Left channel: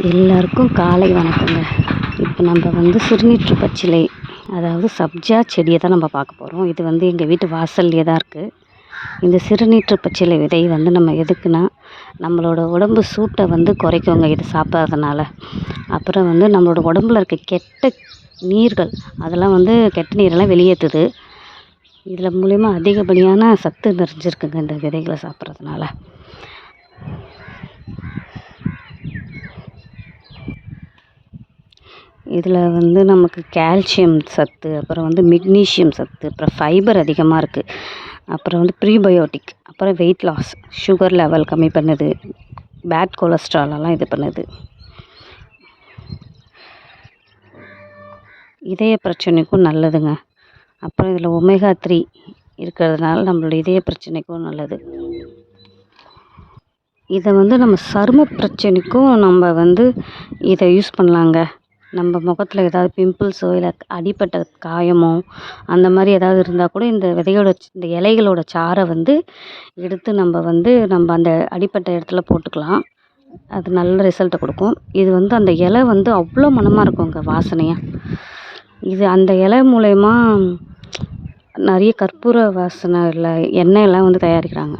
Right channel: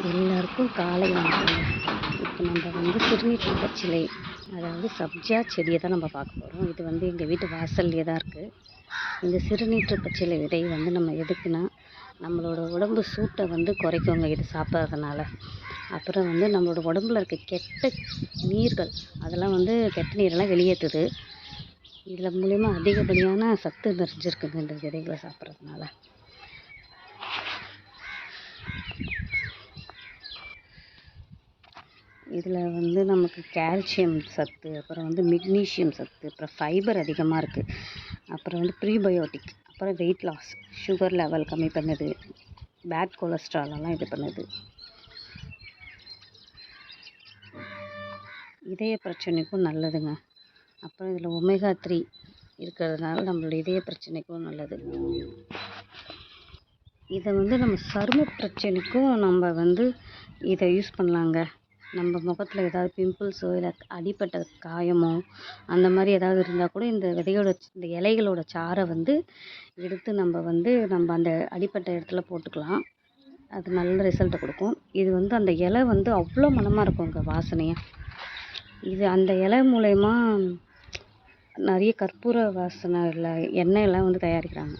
எல்லாருக்கும் காலை வணக்கங்க. இப்போ நம்ம சிறுநீற்று பச்சிலை, அதாவது சப்ஜா செடியை தான் நம்ம பார்க்க போகிறோம். இது எங்கள் வீட்டு வாசல்லே தான் இருக்குது. இந்த சிறுநீற்று பச்சிலை விதை நம்ம எதுக்குன்னா, நம்மளோட உடம்பு சூட்டை குறைக்குங்க இது சாப்பிட்றதுனால. அப்புறம் நம்மளோட உடம்புல இருக்க கெட்ட நீர்கள், அதெல்லாம் கெட்ட நீரெல்லாம் வெளியேற்றுது. இதில் மூலிமா அதிகப்படியான சத்து நிறைஞ்சிருக்குங்க இந்த விதைகளை சாப்பிட்றதுனால. இதில் நமக்கு கால்சியம் சத்து, அப்புறம் மெக்னீஷியம் சத்து, அப்புறம் ஃபைபர் அதிகமாக இருக்குது. அப்புறம் ப்ரீபயோட்டிக், அப்புறம் வெயிட் லாஸ், சுகர் லெவல் கம்மி பண்ணுது, பேட் கொலஸ்ட்ராலெல்லாம் இது பண்ணுது. இதய பிரச்சனைக்கும் நல்லதுங்க. அப்புறம் இதில் ஒமேகா 3 இருக்கிறதுனால நம்மளோட இதய பிரச்சனைக்கும் நல்லது. இதை நம்ம சரும பிரச்சனைக்கும் நம்ம இதை யூஸ் பண்ணலாங்க. நம்ம முகத்தில் ஏதாவது பிம்பிள்ஸோ இல்லை அடிப்பட்ட காயமோ அந்த மாதிரி ஏதாவது இருந்தால் கூட இந்த இந்த இலைகளோட சாறை எடுத்து நம்ம நம்ம அந்த அடிப்பட்ட இடத்துல போட்டுக்கலாம். அது நல்ல ரிசல்ட்டை கொடுக்கும். இது அந்த இலை அவ்வளோ மணமாக இருக்குங்க, வாசனையாக. இது அந்த இலை மூலயமா நிறைய கற்பூர வாசனை இல்லை எண்ணெயெல்லாம் தயாரிக்கிறாங்க.